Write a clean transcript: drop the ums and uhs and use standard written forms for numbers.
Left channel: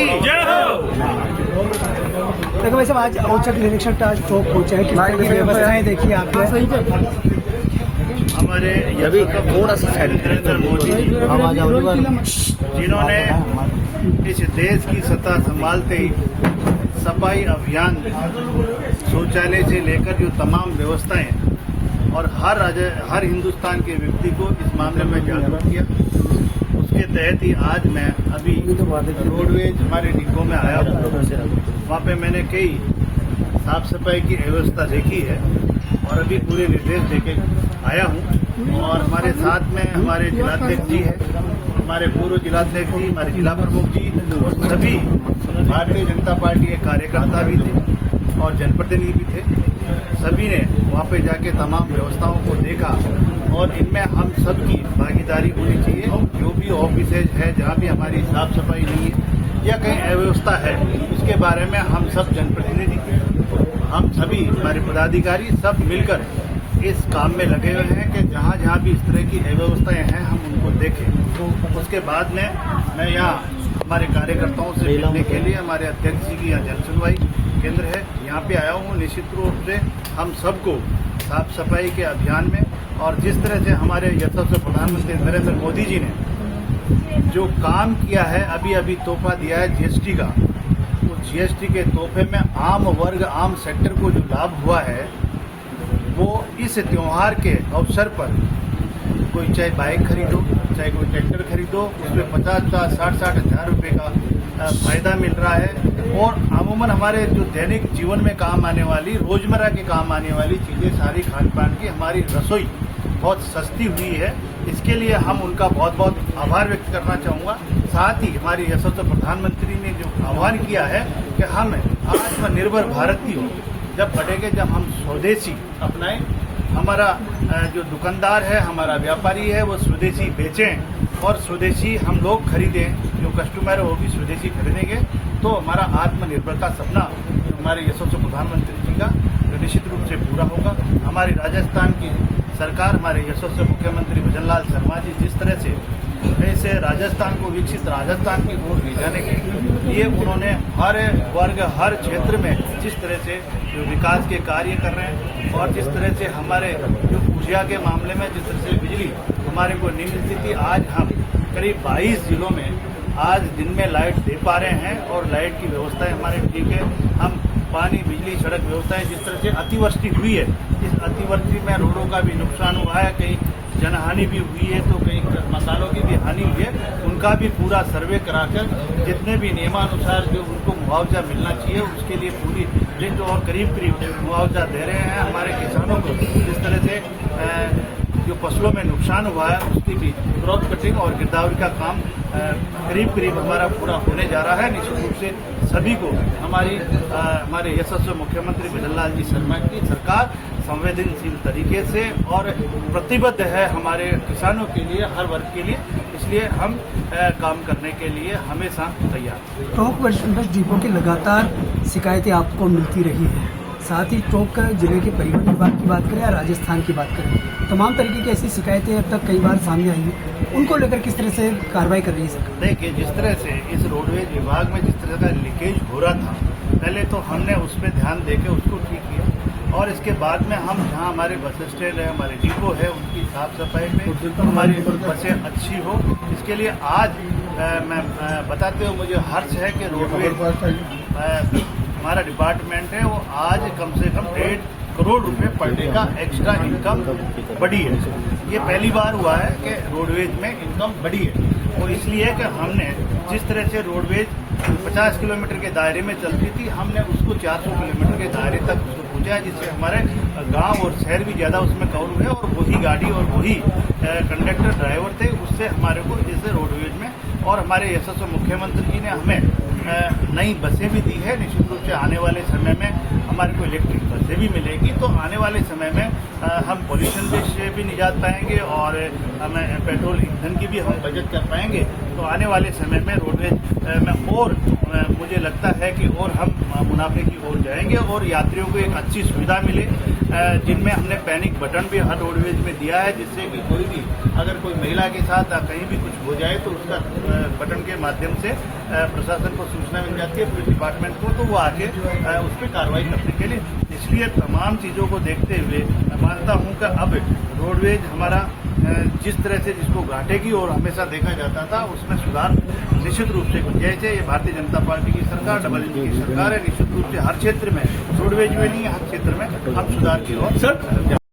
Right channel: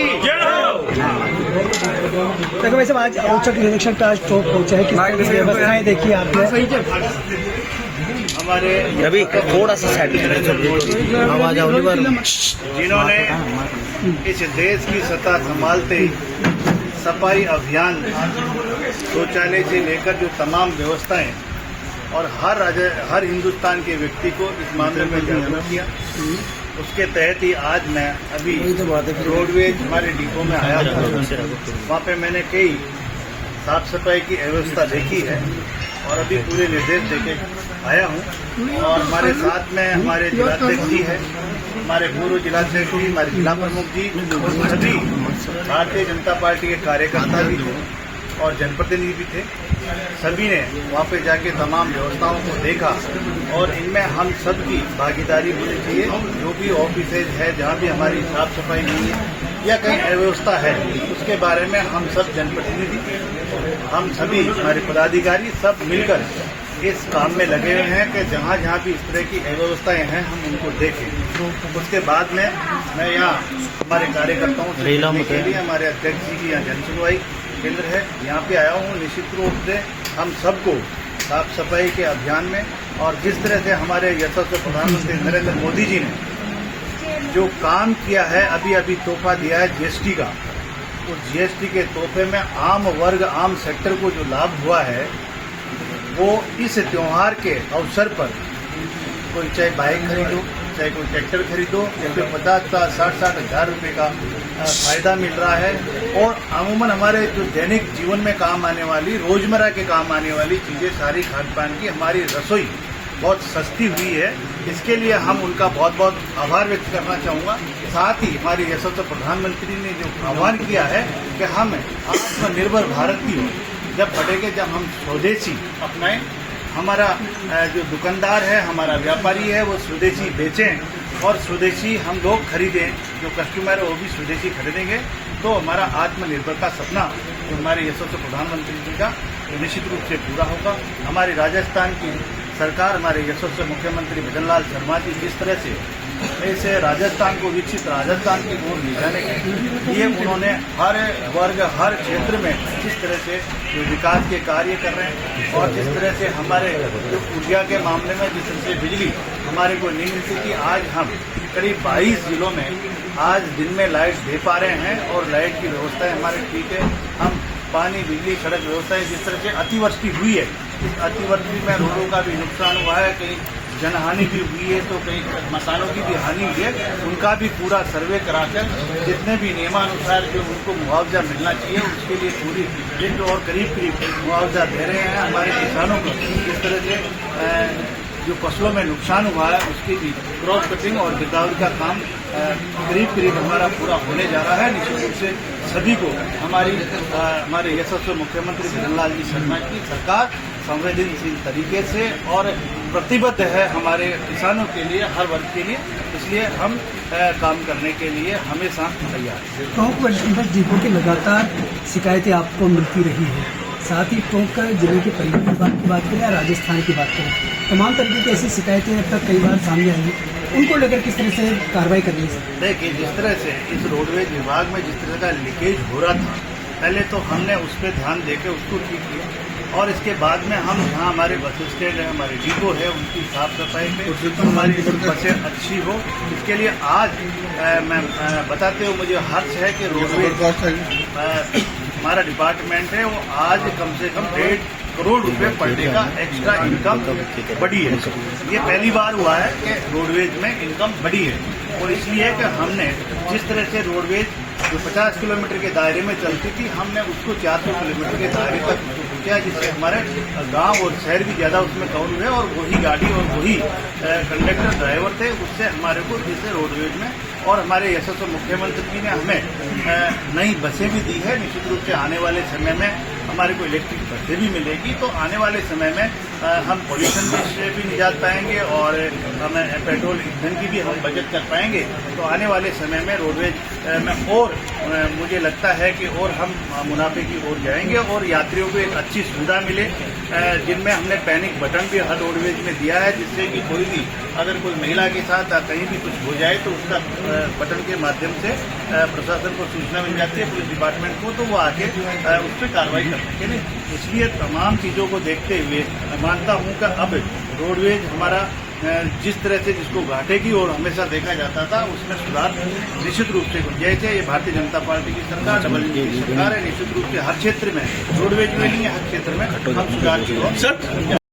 की जय हो। देखो वैसे आज औचक निरीक्षक टास्क फोर्स पहुंचा है, किस तरह की व्यवस्थाएं देखी आपने? हमारे अभी थोड़ा सा साइड आवाज आवली बार जिन्होंने इस देश की सत्ता संभालते ही सफाई अभियान, शौचालय से लेकर जो तमाम व्यवस्थाएं और हर हिंदुस्तान के व्यक्ति को इस मामले में जागरूक किया, उसके तहत ही आज मैं अभी रोडवेज हमारे डिपो में आया हूँ। वहाँ पे मैंने कई साफ सफाई की व्यवस्था देखी है और अभी पूरे निर्देश देके आया हूँ। और हमारे साथ में हमारे जिलाध्यक्ष जी है, हमारे पूर्व जिलाध्यक्ष जी, हमारे जिला प्रमुख जी और सभी भारतीय जनता पार्टी के कार्यकर्ता भी थे और जनप्रतिनिधि भी थे। सभी ने वहाँ पे जाके तमाम व्यवस्थाओं को देखा और इनमें हम सबकी भागीदारी होनी चाहिए। जो भी ऑफिसेज है, जहाँ भी हमारी साफ सफाई हुई है या कहीं अव्यवस्था है, उसके बारे में हम सब जनप्रतिनिधि, हम सभी हमारे पदाधिकारी सब मिलकर इस काम में लगे हुए हैं कि जहाँ जहाँ भी इस तरह की अव्यवस्थाएं हैं हम उनको देखें। उसके बाद में मैं यहाँ हमारे कार्यकर्ताओं से मिलने के लिए हमारे अध्यक्ष जी की यहाँ जन सुनवाई केंद्र है, यहाँ पे आया हूँ। निश्चित रूप से हम सबको साफ सफाई के अभियान में और जिस तरह से हमारे यशस्वी प्रधानमंत्री नरेंद्र मोदी जी ने जो काम किया है, अभी तोहफा दिया है जीएसटी का, उस जीएसटी के तोहफे में आम वर्ग, आम सेक्टर को जो लाभ हुआ है, वो इस त्यौहार के अवसर पर कोई चाहे बाइक खरीदो, चाहे कोई ट्रैक्टर खरीदो, उसमें 50-60 हज़ार रुपये का फ़ायदा मिल रहा है। और अमूमन हमारे जो दैनिक जीवन में काम आने वाली, रोज़मर्रा के काम आने वाली चीज़ें, सारी खान पान की हमारी रसोई बहुत सस्ती हुई है। इसके लिए हम उनका बहुत बहुत आभार व्यक्त करना चाहूँगा। साथ ही हमारे यशस्वी प्रधानमंत्री ने जो आह्वान किया है कि हम आत्मनिर्भर भारत की हो जब बढ़ेंगे, जब हम स्वदेशी अपनाएं, हमारा जो दुकानदार है, हमारा व्यापारी है, वो स्वदेशी बेचें और स्वदेशी हम लोग खरीदें, जो कस्टमर है वो भी स्वदेशी खरीदेंगे, तो हमारा आत्मनिर्भर का सपना हमारे यशस्वी प्रधानमंत्री जी का निश्चित रूप से पूरा होगा। हमारी राजस्थान की सरकार, हमारे यशस्वी मुख्यमंत्री भजनलाल शर्मा जी जिस तरह से ऐसे राजस्थान को विकसित राजस्थान की ओर ले जाने के लिए उन्होंने हर वर्ग, हर क्षेत्र में जिस तरह से जो विकास के कार्य कर रहे हैं और जिस तरह से हमारे जो ऊर्जा के मामले में जिस तरह से बिजली हमारे को नहीं मिलती थी, आज हम करीब 22 जिलों में आज दिन में लाइट दे पा रहे हैं और लाइट की व्यवस्थाएं हमारे ठीक है। हम पानी, बिजली, सड़क व्यवस्थाएं, जिस तरह से अतिवृष्टि हुई है, इस अतिवृष्टि में रोडों का भी नुकसान हुआ है, कहीं जनहानि भी हुई है, तो कई मकानों की भी हानि हुई है, उनका भी पूरा सर्वे कराकर जितने भी नियमानुसार जो उनको मुआवजा मिलना चाहिए उसके लिए पूरी रेंज और करीब मुआवजा दे रहे हैं। हमारे किसानों को जिस तरह से जो फसलों में नुकसान हुआ है उसकी भी क्रॉप कटिंग और गिरदावरी का काम करीब हमारा पूरा होने जा रहा है। निश्चित रूप से सभी को हमारे यशस्वी मुख्यमंत्री भजनलाल जी शर्मा की सरकार संवेदनशील तरीके से और प्रतिबद्ध है हमारे किसानों के लिए, हर वर्ग के लिए, इसलिए हम काम करने के लिए हमेशा तैयार हैं। टोंक डिपो की लगातार शिकायतें आपको मिलती रही है, साथ ही टोंक जिले के परिवहन विभाग की बात करें या राजस्थान की बात करें, तमाम तरीके की ऐसी शिकायतें अब तक कई बार सामने आई हैं, उनको लेकर किस तरह से कार्रवाई कर रही है? देखिए, जिस तरह से इस रोडवेज विभाग में जिस तरह का लीकेज हो रहा था, पहले तो हमने उस पर ध्यान देके उसको ठीक किया और इसके बाद में हम जहाँ हमारे बस स्टैंड है, हमारे डिपो है, उनकी साफ सफाई में हमारी बसें अच्छी हो, इसके लिए आज मैं बताते हुए मुझे हर्ष है कि रोडवेज हमारा डिपार्टमेंट है, वो आज कम से कम 1.5 करोड़ रुपए पर डे का एक्स्ट्रा इनकम बढ़ी है। ये पहली बार हुआ है कि रोडवेज में इनकम बढ़ी है और इसलिए कि हमने जिस तरह से रोडवेज जो 50 किलोमीटर के दायरे में चलती थी, हमने उसको 400 किलोमीटर के दायरे तक पहुँचा, जिससे हमारे गांव और शहर भी ज़्यादा उसमें कवर हुए और वही गाड़ी और वही कंडक्टर ड्राइवर थे, उससे हमारे को जिससे रोडवेज में और हमारे यशस्वी मुख्यमंत्री जी ने हमें नई बसें भी दी है। निश्चित रूप से आने वाले समय में हमारे को इलेक्ट्रिक बसें भी मिलेगी, तो आने वाले समय में हम पॉल्यूशन से भी निजात पाएंगे और हमें पेट्रोल ईंधन की भी हम बचत कर पाएंगे। तो आने वाले समय में रोडवेज में और मुझे लगता है कि और हम मुनाफे की ओर जाएंगे और यात्रियों को एक अच्छी सुविधा मिले, जिनमें हमने पैनिक बटन भी हर रोडवेज में दिया है, जिससे कि कोई भी अगर कोई महिला के साथ कहीं भी कुछ हो जाए तो उसका बटन के माध्यम से प्रशासन को सूचना मिल जाती है, पुलिस डिपार्टमेंट को, तो वो आके उस पर कार्रवाई करते हैं। नहीं, इसलिए तमाम चीज़ों को देखते हुए मैं मानता हूँ कि अब रोडवेज हमारा जिस तरह से जिसको घाटे की ओर हमेशा देखा जाता था, उसमें सुधार निश्चित रूप से गुंजाइश है। ये भारतीय जनता पार्टी की सरकार, डबल इंजन की सरकार है। निश्चित रूप से हर क्षेत्र में, रोडवेज में नहीं, हर क्षेत्र में हम सुधार की ओर